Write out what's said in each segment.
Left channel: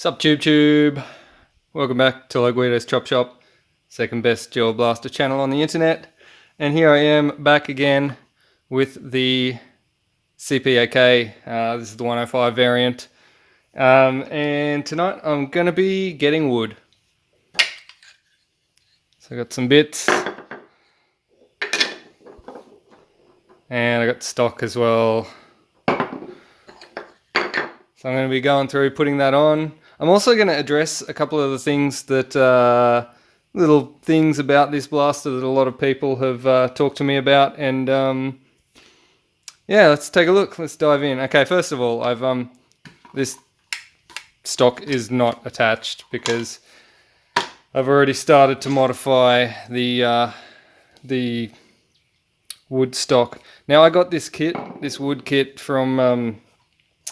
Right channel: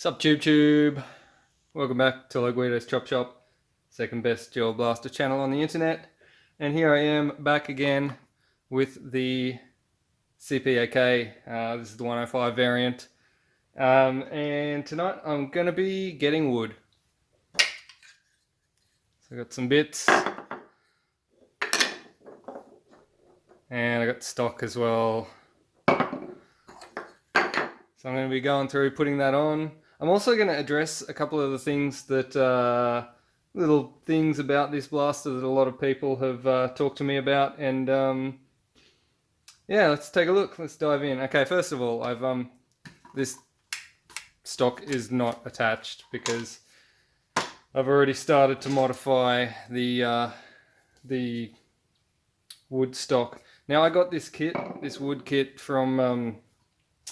Sup tube, welcome back to Guido's Chop Shop, second best gel blaster channel on the internet, and here I am back again with the CPAK. This is the 105 variant, and tonight I'm going to be getting wood. So I got some bits, and I got stock as well. So I'm going to be going through putting that on. I'm also going to address a couple of the things that, little things about this blaster that a lot of people have talked to me about. And yeah, let's take a look. Let's dive in. Okay, first of all, this stock is not attached because I've already started to modify the wood stock. Now I got this wood kit from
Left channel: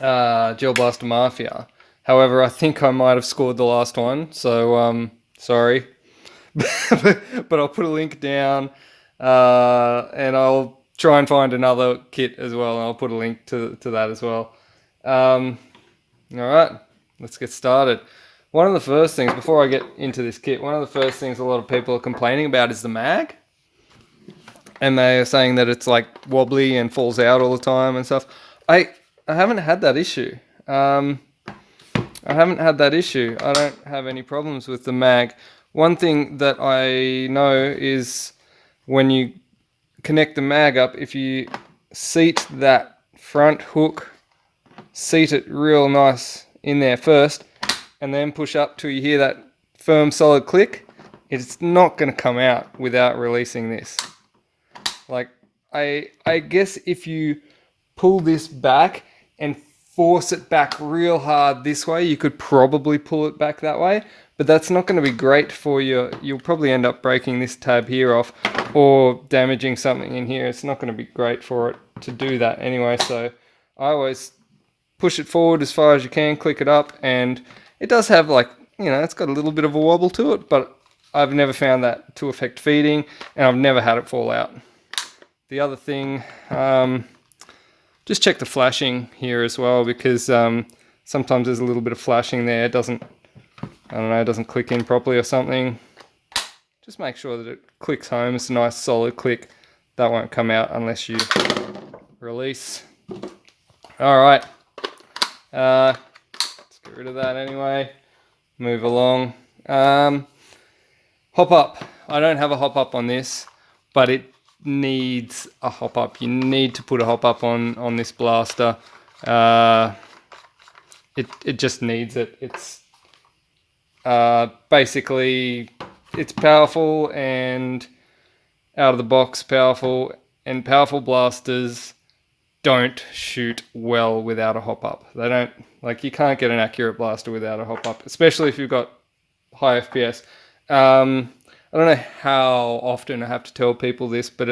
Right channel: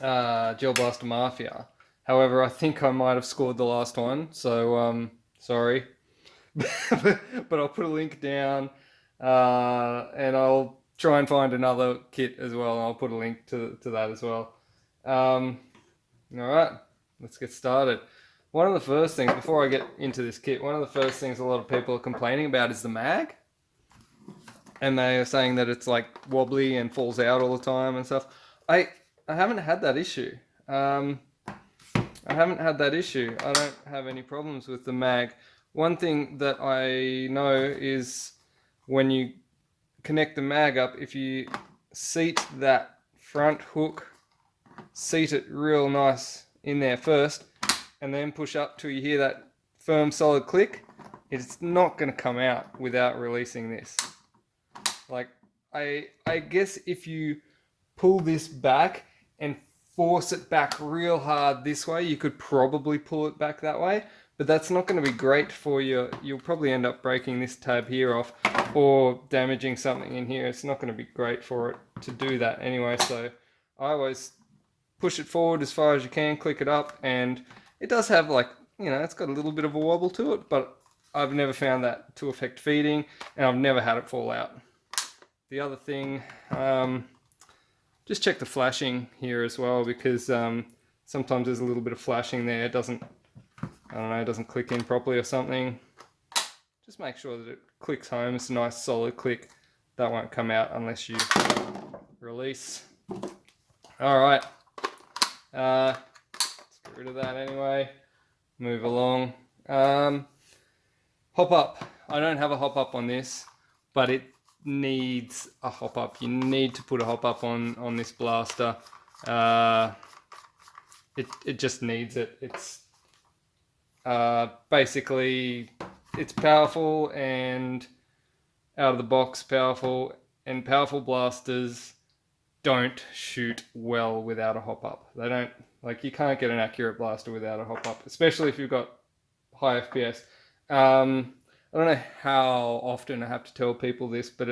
Gel Blaster Mafia. However, I think I might have scored the last one, so sorry. But I'll put a link down, and I'll try and find another kit as well, and I'll put a link to that as well. All right, let's get started. One of the first things, before I get into this kit, one of the first things a lot of people are complaining about is the mag. And they are saying that it's like wobbly and falls out all the time and stuff. I haven't had that issue. I don't have any problems with the mag. One thing that I know is when you connect the mag up, if you seat that front hook, seat it real nice in there first, and then push up till you hear that firm, solid click, it's not going to come out without releasing this. Like, I guess if you pull this back and force it back real hard this way, you could probably pull it back that way, but that's not going to be great for you. You'll probably end up breaking this tab here off or damaging something in here. It's not going to be great for it to do that anyway, so I always push it forward as far as you can, click it up, and it does have, like, you know, it's got a little bit of a wobble to it, but I've never found that to affect feeding, and I've never had it fall out. The other thing, just check the flashing here as well, because sometimes there's a little bit of flashing there. It doesn't click in properly or something. Just make sure that it clicks home. It's a nice solid click. That won't come out unless you release. All right. Let's get rid of that anyway. Move along. Hop up. I don't have a hop up on this, but it needs a hop up. You need to put a hop up on this blaster. It just needs it. It's basically, it's powerful and out of the box powerful, and powerful blasters don't shoot well without a hop up. They don't, like, you can't get an accurate blaster without a hop up, especially if you've got high FPS. I don't know how often I have to tell people this, but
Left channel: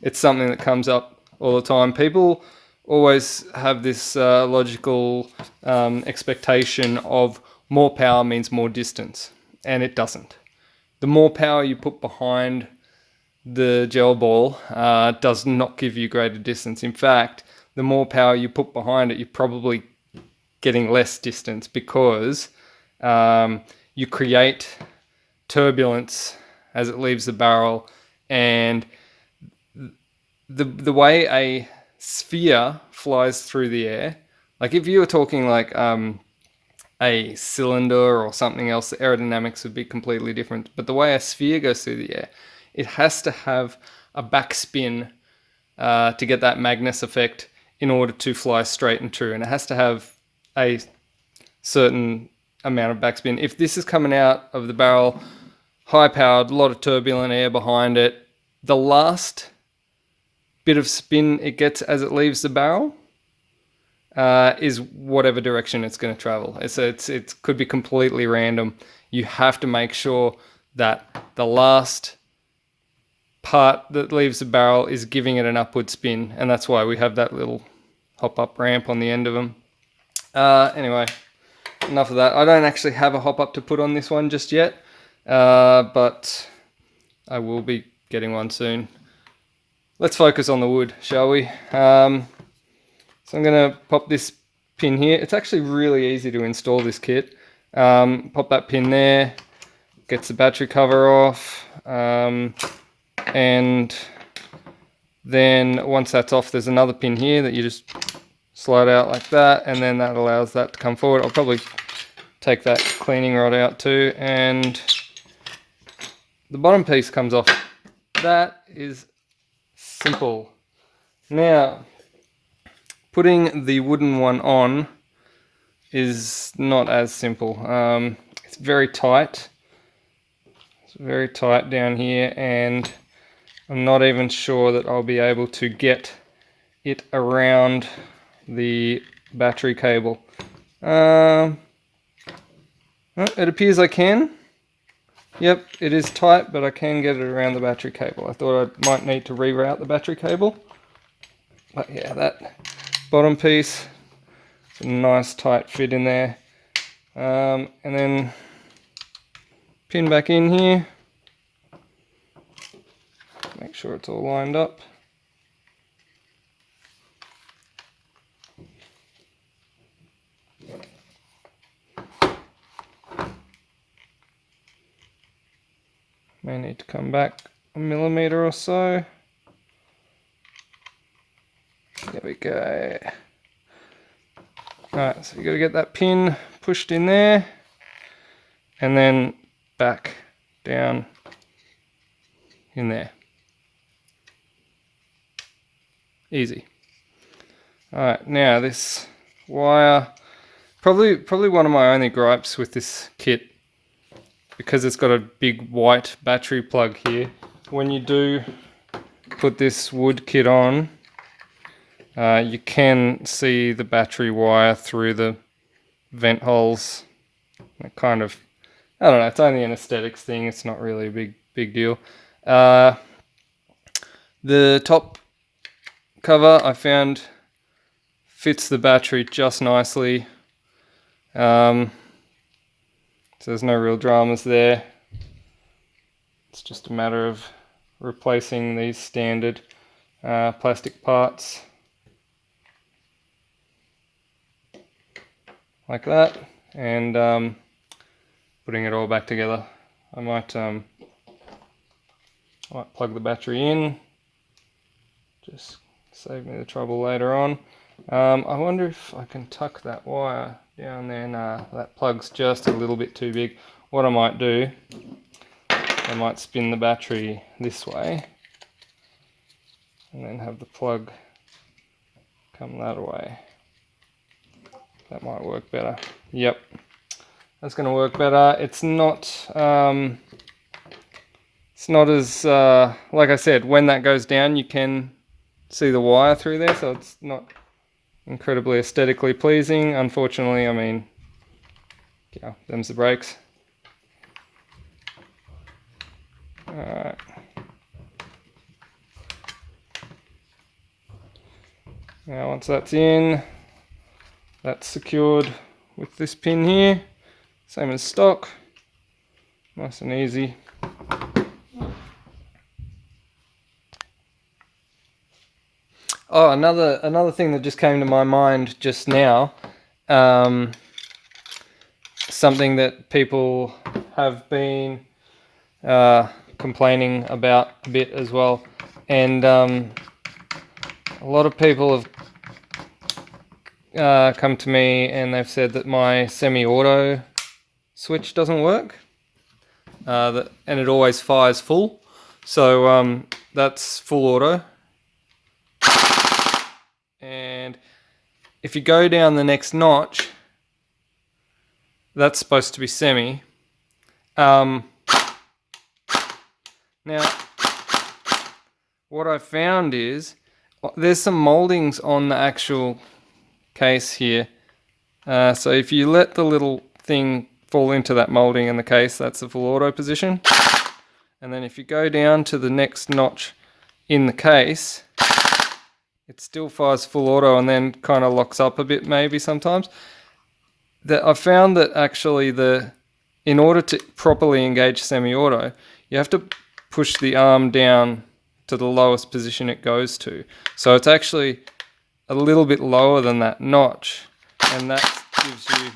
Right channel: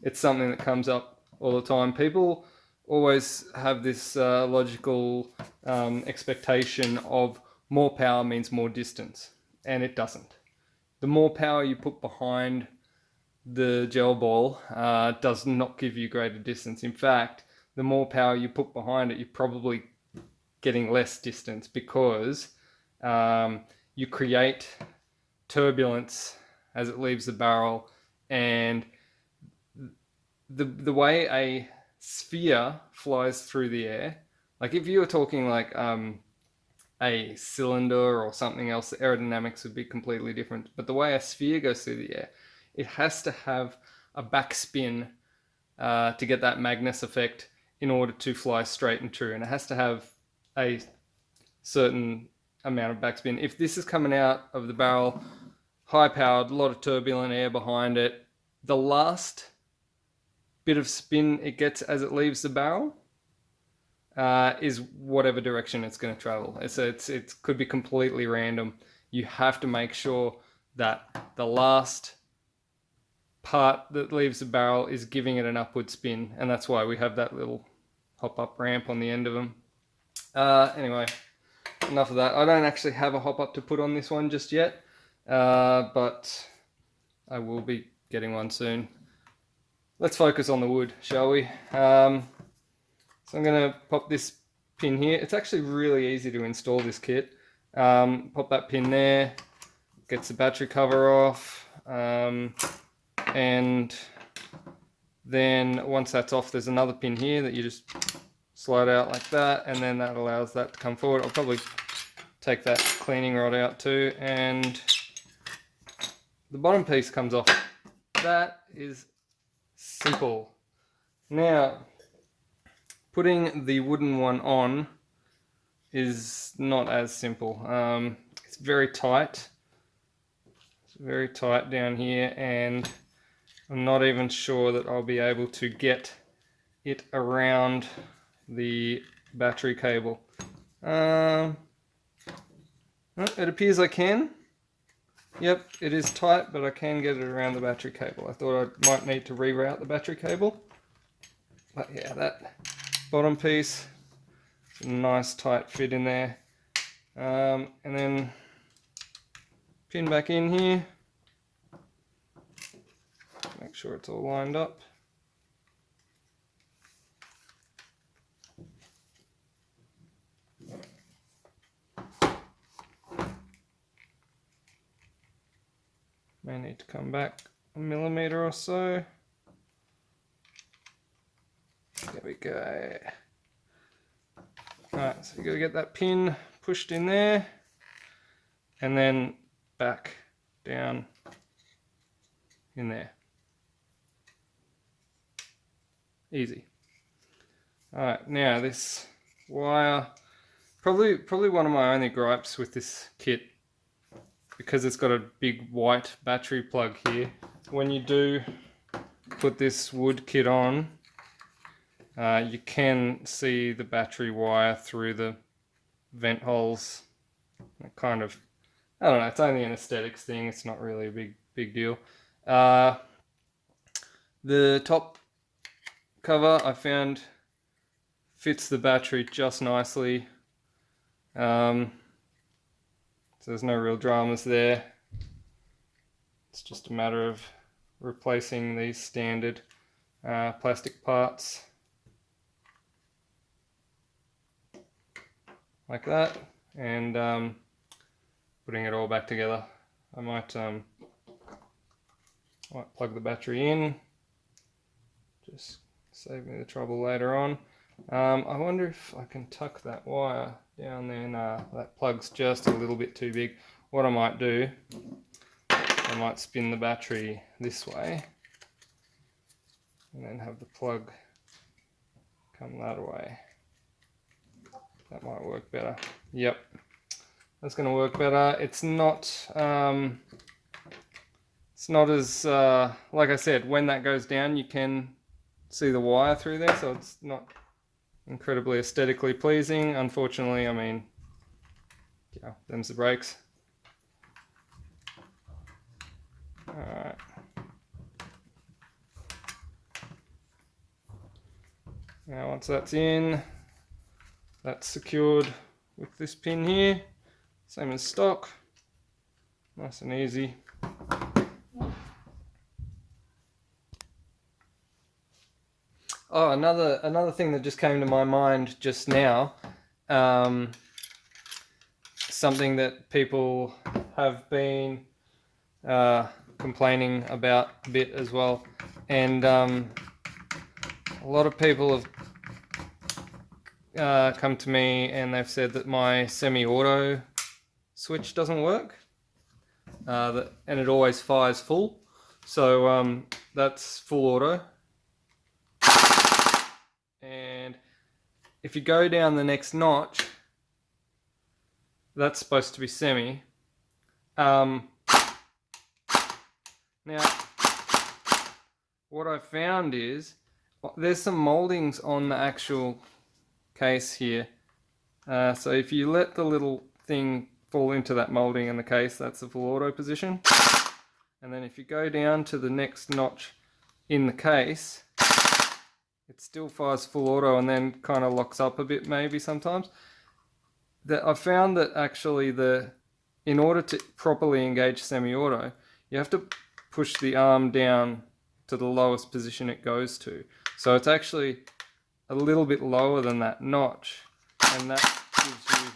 it's something that comes up all the time. People always have this logical expectation of more power means more distance, and it doesn't. The more power you put behind the gel ball does not give you greater distance. In fact, the more power you put behind it, you're probably getting less distance, because you create turbulence as it leaves the barrel, and the way a sphere flies through the air, like if you were talking like a cylinder or something else, the aerodynamics would be completely different. But the way a sphere goes through the air, it has to have a backspin to get that Magnus effect in order to fly straight and true, and it has to have a certain amount of backspin. If this is coming out of the barrel high powered, a lot of turbulent air behind it, the last bit of spin it gets as it leaves the barrel is whatever direction it's going to travel. It could be completely random. You have to make sure that the last part that leaves the barrel is giving it an upward spin, and that's why we have that little hop up ramp on the end of them. Anyway, enough of that. I don't actually have a hop up to put on this one just yet, but I will be getting one soon. Let's focus on the wood, shall we? So I'm going to pop this pin here. It's actually really easy to install this kit. Pop that pin there, gets the battery cover off, and then once that's off, there's another pin here that you just slide out like that, and then that allows that to come forward. I'll probably take that cleaning rod out too, and the bottom piece comes off. That is simple. Now, putting the wooden one on is not as simple. It's very tight. It's very tight down here, and I'm not even sure that I'll be able to get it around the battery cable. Well, it appears I can. Yep, it is tight, but I can get it around the battery cable. I thought I might need to reroute the battery cable. But yeah, that bottom piece, it's a nice tight fit in there. And then pin back in here. Make sure it's all lined up. May need to come back a millimeter or so. There we go. Alright, so you got to get that pin pushed in there and then back down in there. Easy. Alright, now this wire, probably one of my only gripes with this kit, because it's got a big white battery plug here. When you do put this wood kit on, you can see the battery wire through the vent holes. It kind of, I don't know, it's only an aesthetics thing, it's not really a big deal. The top cover I found fits the battery just nicely. So there's no real dramas there. It's just a matter of replacing these standard plastic parts like that, and putting it all back together. I might plug the battery in, just save me the trouble later on. I wonder if I can tuck that wire down there. Nah, that plug's just a little bit too big. What I might do, I might spin the battery this way and then have the plug come that way. That might work better. Yep, that's going to work better. It's not as like I said, when that goes down you can see the wire through there, so it's not incredibly aesthetically pleasing. Unfortunately, I mean, yeah, them's the breaks. Alright. Now once that's in, that's secured with this pin here, same as stock, nice and easy. Oh, another thing that just came to my mind just now, something that people have been complaining about a bit as well, and a lot of people have come to me and they've said that my semi-auto switch doesn't work, and it always fires full. So that's full auto. And if you go down the next notch, that's supposed to be semi. Now, what I found is there's some moldings on the actual case here. So if you let the little thing fall into that molding in the case, that's the full auto position. And then if you go down to the next notch in the case, it still fires full auto and then kind of locks up a bit maybe sometimes. That I found that actually in order to properly engage semi-auto, you have to push the arm down to the lowest position it goes to. So it's actually a little bit lower than that notch, and that gives you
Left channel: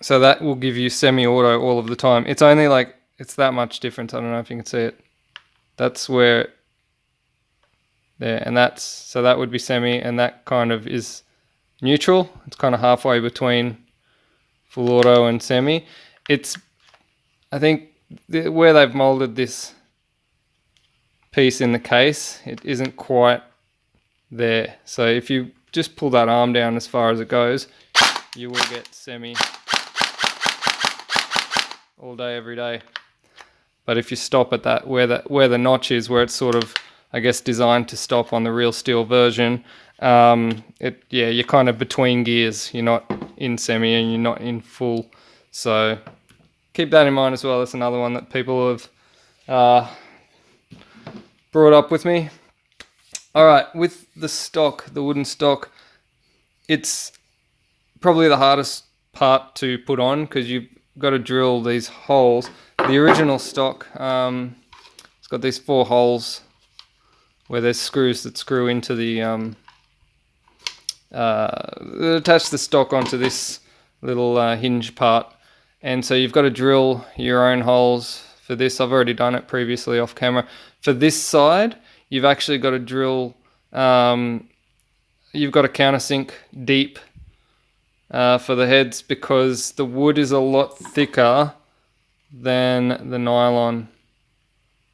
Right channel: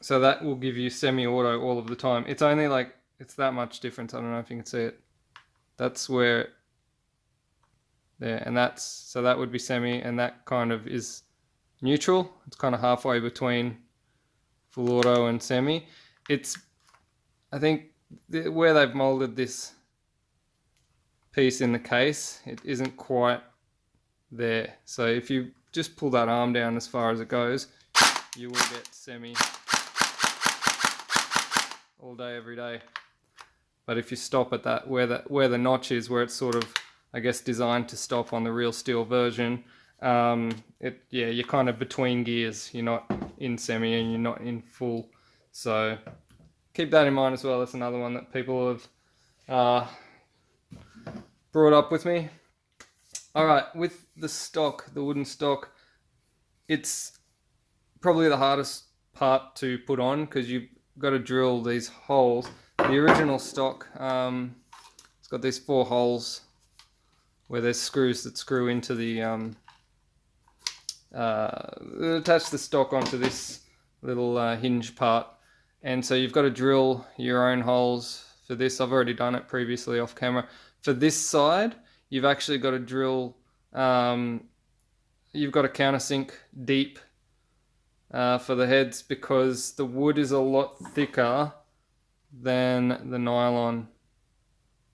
So that will give you semi-auto all of the time. It's only like, it's that much difference. I don't know if you can see it. That's where, there, and that's, so that would be semi, and that kind of is neutral. It's kind of halfway between full auto and semi. It's, I think, where they've molded this piece in the case, it isn't quite there. So if you just pull that arm down as far as it goes, you will get semi all day, every day. But if you stop at that, where the notch is, where it's sort of, I guess, designed to stop on the real steel version, you're kind of between gears. You're not in semi and you're not in full. So keep that in mind as well. That's another one that people have brought up with me. All right, with the stock, the wooden stock, it's probably the hardest part to put on because you've got to drill these holes. The original stock, it's got these 4 holes where there's screws that screw into the attach the stock onto this little hinge part, and so you've got to drill your own holes for this. I've already done it previously off camera. For this side, you've actually got to drill. You've got to countersink deep for the heads because the wood is a lot thicker than the nylon.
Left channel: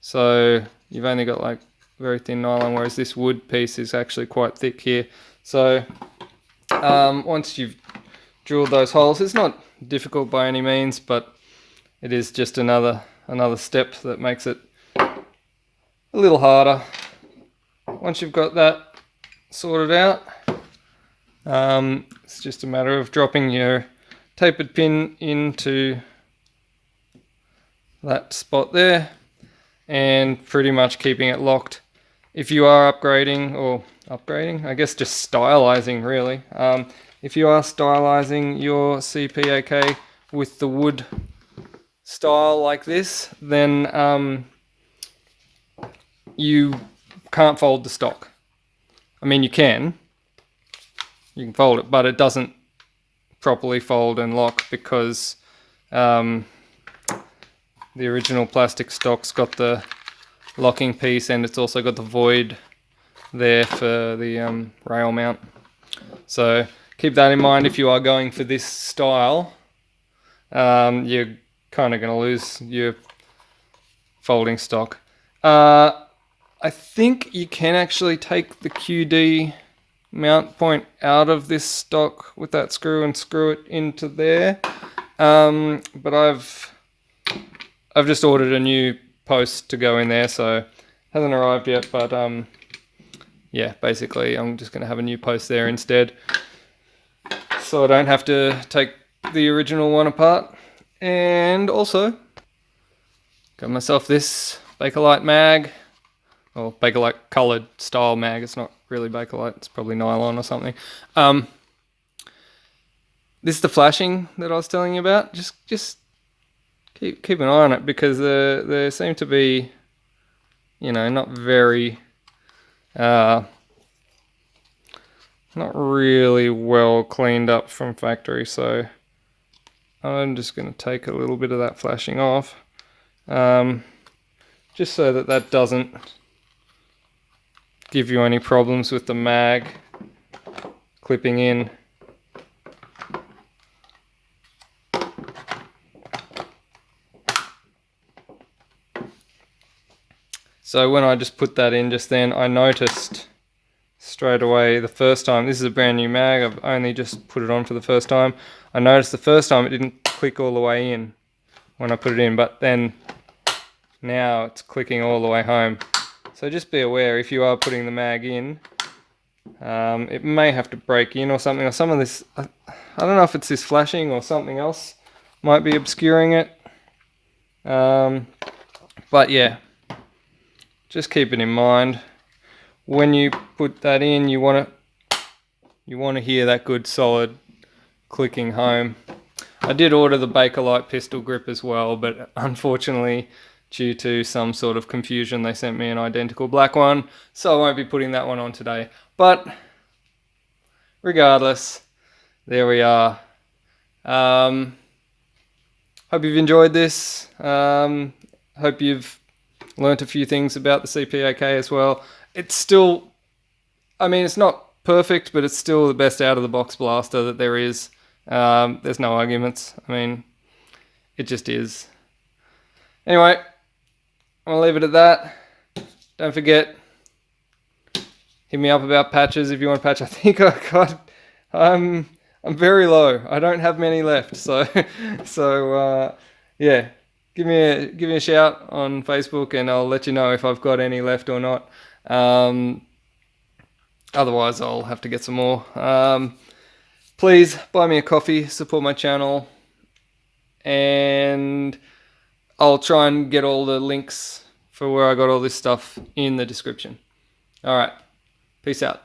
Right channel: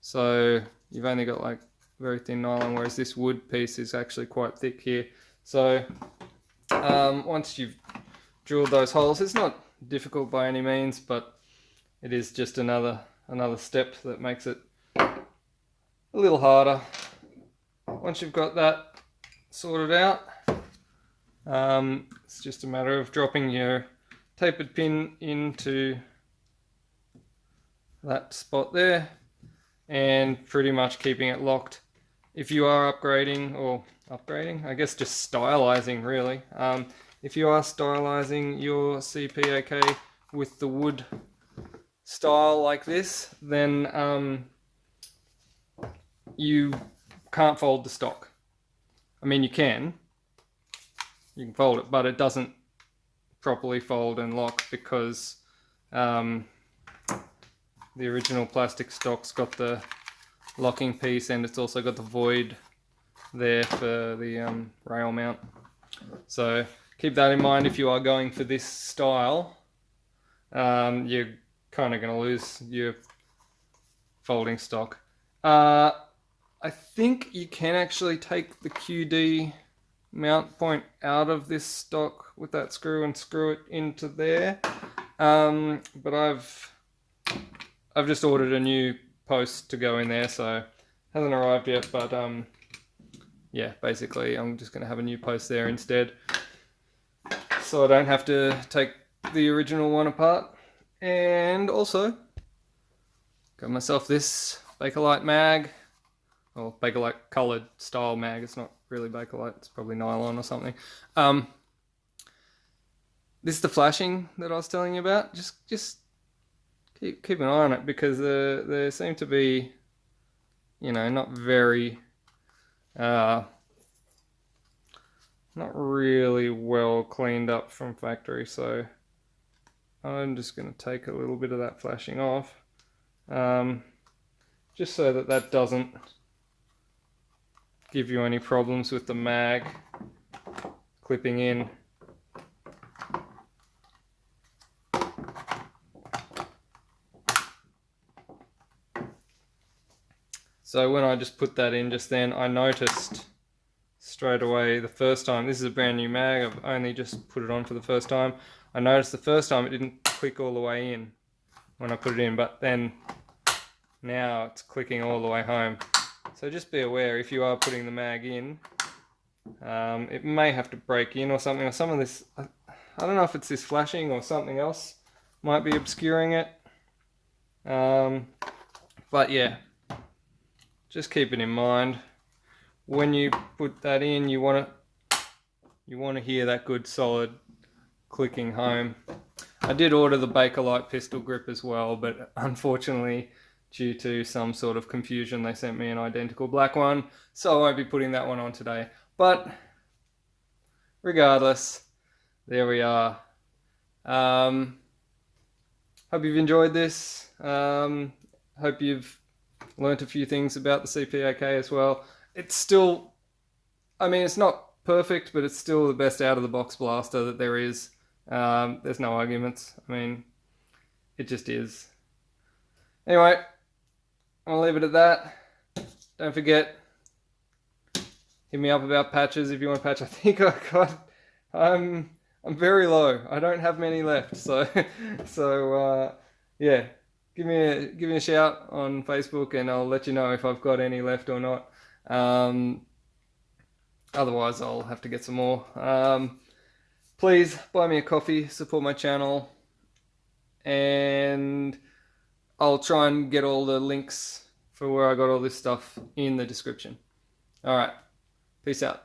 So you've only got like very thin nylon, whereas this wood piece is actually quite thick here. So once you've drilled those holes, it's not difficult by any means, but it is just another step that makes it a little harder. Once you've got that sorted out, it's just a matter of dropping your tapered pin into that spot there and pretty much keeping it locked. If you are upgrading, I guess just stylizing really. If you are stylizing your CPAK with the wood style like this, then you can't fold the stock. I mean, you can fold it, but it doesn't properly fold and lock because the original plastic stock's got the locking piece and it's also got the void there for the rail mount. So keep that in mind if you are going for this style. You're kind of going to lose your folding stock. I think you can actually take the QD mount point out of this stock with that screw and screw it into there. But I've just ordered a new post to go in there, so it hasn't arrived yet, but yeah, basically I'm just going to have a new post there instead, so I don't have to take the original one apart. And also got myself this Bakelite mag, or Bakelite coloured style mag. It's not really Bakelite, it's probably nylon or something. This is the flashing that I was telling you about. Just keep an eye on it because there seem to be, not very, not really well cleaned up from factory. So I'm just going to take a little bit of that flashing off, just so that doesn't give you any problems with the mag clipping in. So when I just put that in just then, I noticed straight away the first time, this is a brand new mag, I've only just put it on for the first time. I noticed the first time it didn't click all the way in when I put it in, but then now it's clicking all the way home. So just be aware if you are putting the mag in, it may have to break in or something, or some of this, I don't know if it's this flashing or something else might be obscuring it. But yeah, just keep it in mind. When you put that in, you want to hear that good solid clicking home. I did order the Bakelite pistol grip as well, but unfortunately, due to some sort of confusion, they sent me an identical black one, so I won't be putting that one on today. But regardless, there we are. hope you've enjoyed this. Hope you've learnt a few things about the CPAK as well. It's still, I mean, it's not perfect, but it's still the best out of the box blaster that there is. There's no arguments. I mean, it just is. Anyway, I'll leave it at that. Don't forget, hit me up about patches if you want a patch. I think I got, I'm very low. I don't have many left. So yeah, give me a shout on Facebook and I'll let you know if I've got any left or not. Otherwise, I'll have to get some more. Please buy me a coffee, support my channel, and I'll try and get all the links for where I got all this stuff in the description. All right, peace out.